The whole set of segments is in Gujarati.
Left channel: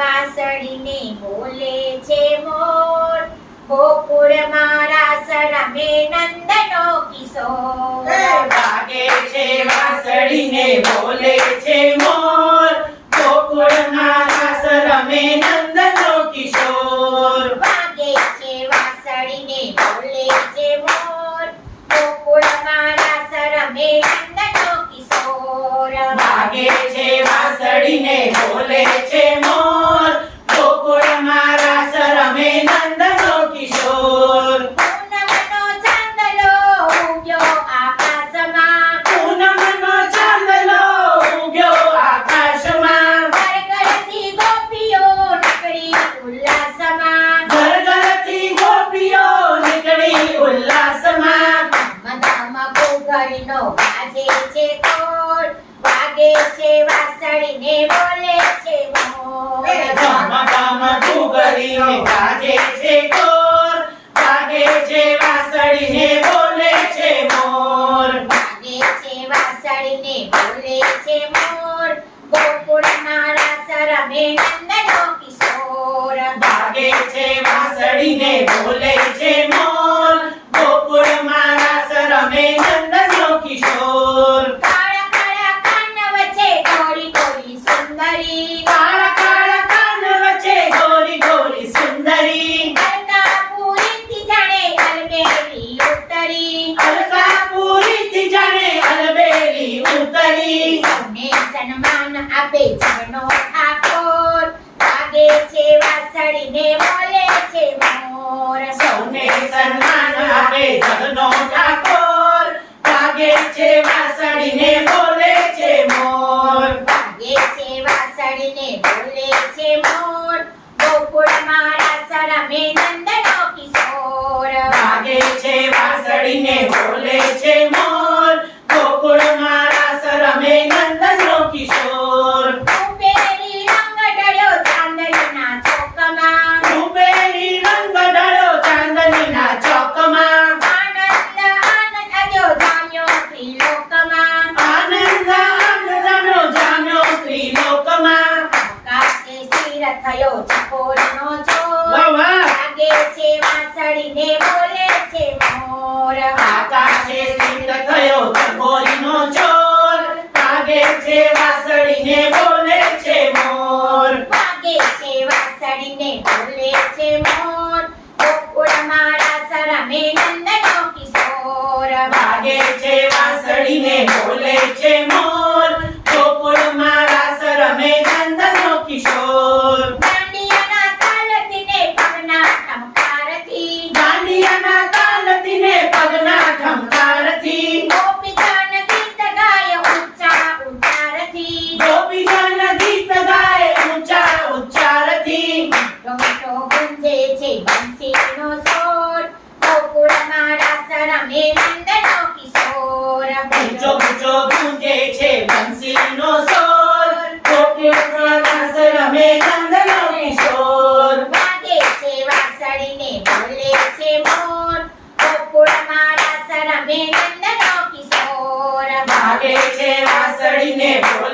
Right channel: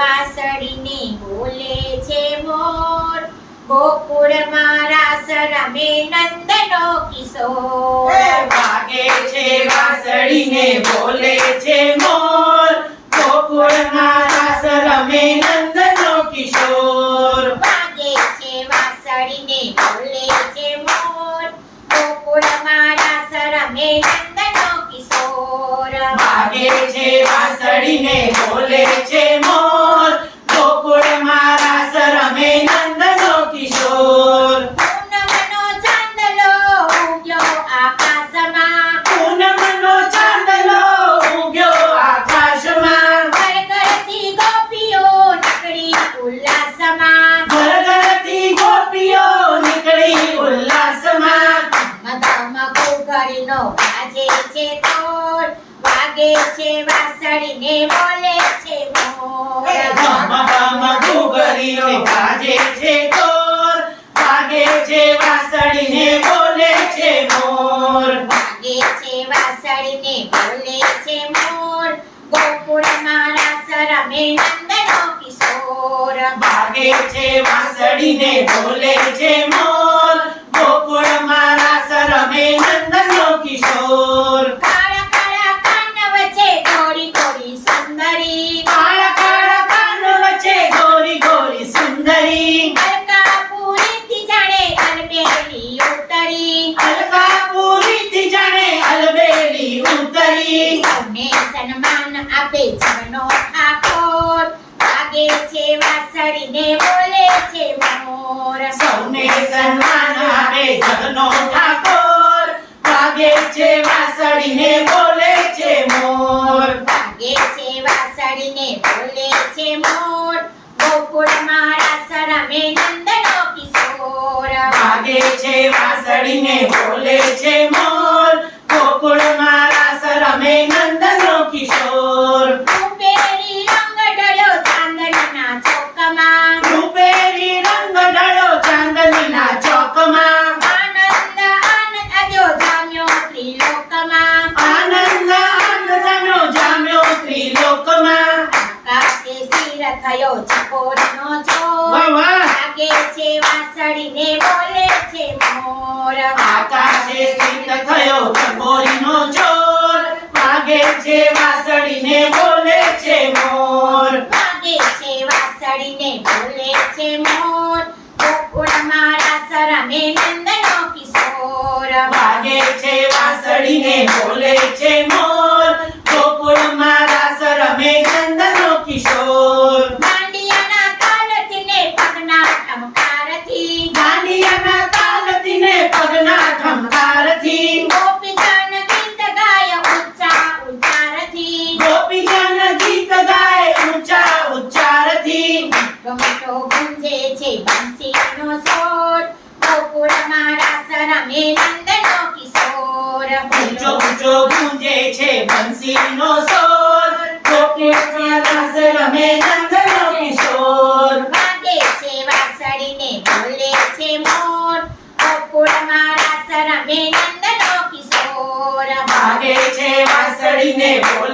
વાસળીને બોલે છે મોર ગોકુળ મારા સરમે નંદનો કિશોર. વાગે છે વાસળીને બોલે છે મોર ગોકુળમાં મારા સરમે નંદનો કિશોર. વાગે છે વાસળીને બોલે છે મોર ગોકુળ મારા સરમે નંદનો કિશોર. વાગે છે વાસળીને બોલે છે મોર ગોકુળમાં રાસ રમે નંદનો કિશોર પૂનમનો ચાંદલો ઉગ્યો આકાશમાં પૂનમનો ચાંદલો ઉગ્યો આકાશમાં. ઘરઘરથી ગોપીઓ નકળી ઉલ્લાસમાં. ઘર ઘરથી ગોપીઓ નીકળી ઉલ્લાસમાં. મદામાં ઘૂઘરીનો વાજે છે તોલ વાગે છે વાસળીને બોલે છે મોર. ધમ ધમ ઘૂઘરીનો વાજે છે ઢોલ વાગે છે વાસળીને બોલે છે મોર વાગે છે વાસળીને બોલે છે મોર ગોકુળ મારા સરમે નંદનો કિશોર. ભાગે છે વાસળીને બોલે છે મોર. સન્માન આપે જગનો ઠાકોર. લાગે છે વાસળીને બોલે છે મોર. સૌને સન્માન આપે જગનો ઠાકોર. લાગે છે વાસળીને બોલે છે મોર વાગે છે વાસળીને બોલે છે મોર ગોકુળ મારા સરમે નંદનો કિશોર વાગે છે વાસળીને બોલે છે મોર ગોકુળમાં રાસ રમે નંદનો કિશોર રૂપેરી રંગ ઢળ્યો ચાંદનીના ચોકમાં રૂપેરી રંગ ઢળ્યો ચાંદનીના ચોકમાં આનંદ આનંદ અજો જામ્યો ત્રિલોકમાં આનંદ આનંદ જામ્યો જામ્યો ત્રિલોકમાં આકાશે સ્થિર થયો ચકોરનો ચોર વાહ વાગે છે વાસળીને બોલે છે મોર આકાશે સ્થિત થયો ચકોરીનો ચોર. વાગે છે વાસળીને બોલે છે મોર. વાગે છે વાસળીને બોલે છે મોર ગોકુળ મારા સરમે નંદનો કિશોર વાગે છે વાસળીને બોલે છે મોર ગોકુળમાં રાસ રમે નંદનો કિશોર દાંડિયાના તાલથીને પગના ઠમકારથી દાંડિયાના તાલથીને પગના ઠમકારથી ગોપીજન ગીત ગાય ઊંચા ઉચ્ચારથી ગોપીજન ગીત ગાય ઊંચા ઉચ્ચારથી ટોમેટો ગુંજે છે બંસીનો સોર ગોકુળ મારા સરમે નંદનો કિશોર ઊંચો ઊંચો ગુંજે છે બંસીનો સોર ગોકુળમાં રાસ રમે નંદનો કિશોર. વાગે છે વાસળીને બોલે છે મોર. ગોકુળ મારા સરમે નંદનો કિશોર. વાગે છે વાસળીને બોલે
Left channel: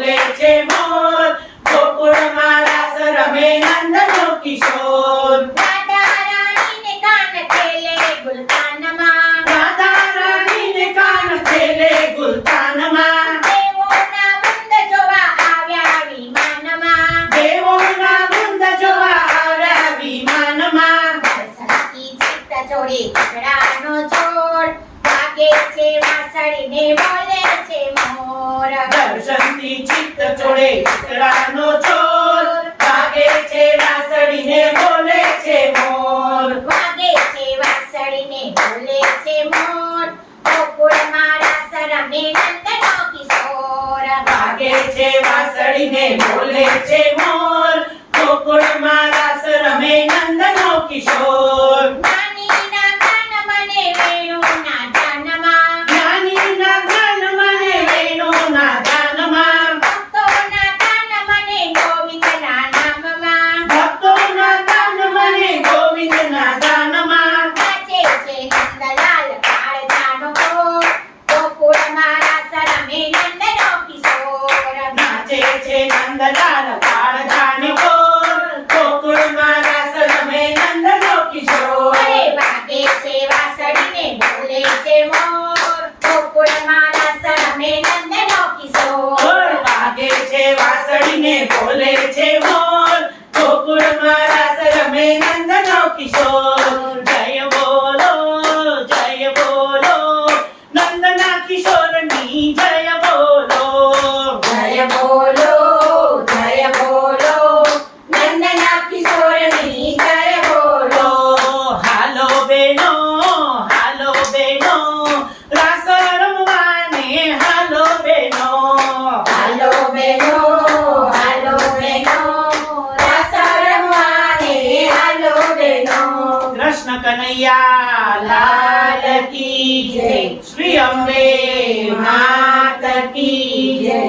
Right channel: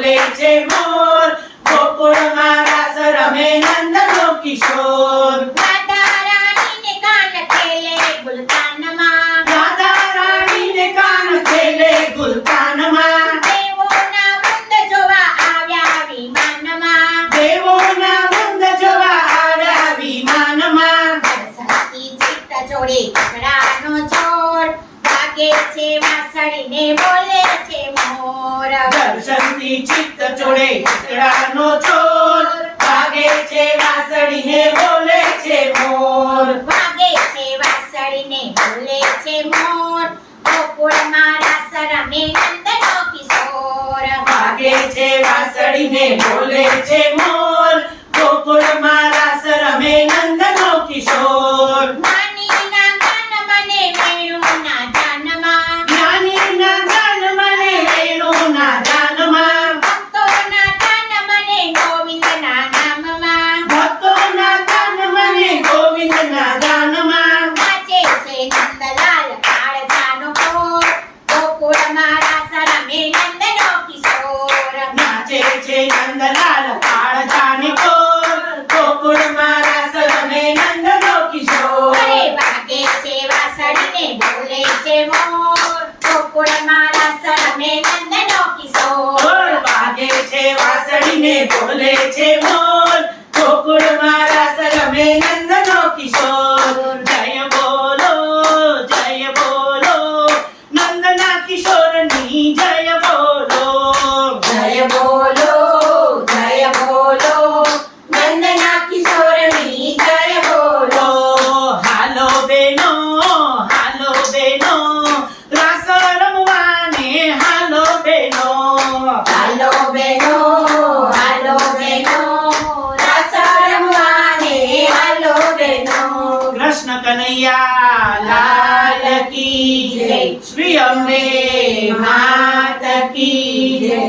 જોડે કકડાનો છોડ વાગે છે વાસળીને બોલે છે મોર. દર્શનથી ચિત્ત ચોડે ચિતડાનો છોડ વાગે છે વાસળીને બોલે છે મોર. વાગે છે વાસળીને બોલે છે મોર. ગોકુળ મારા સરમે નંદનો કિશોર. વાગે છે વાસળીને બોલે છે નાચે મોર. ગોકુળ મારા સરમે નંદનો કિશોર. વાગે છે વાસળીને બોલે છે કનૈયા લાલ કી જય. શ્રી અંબે માત કી જય.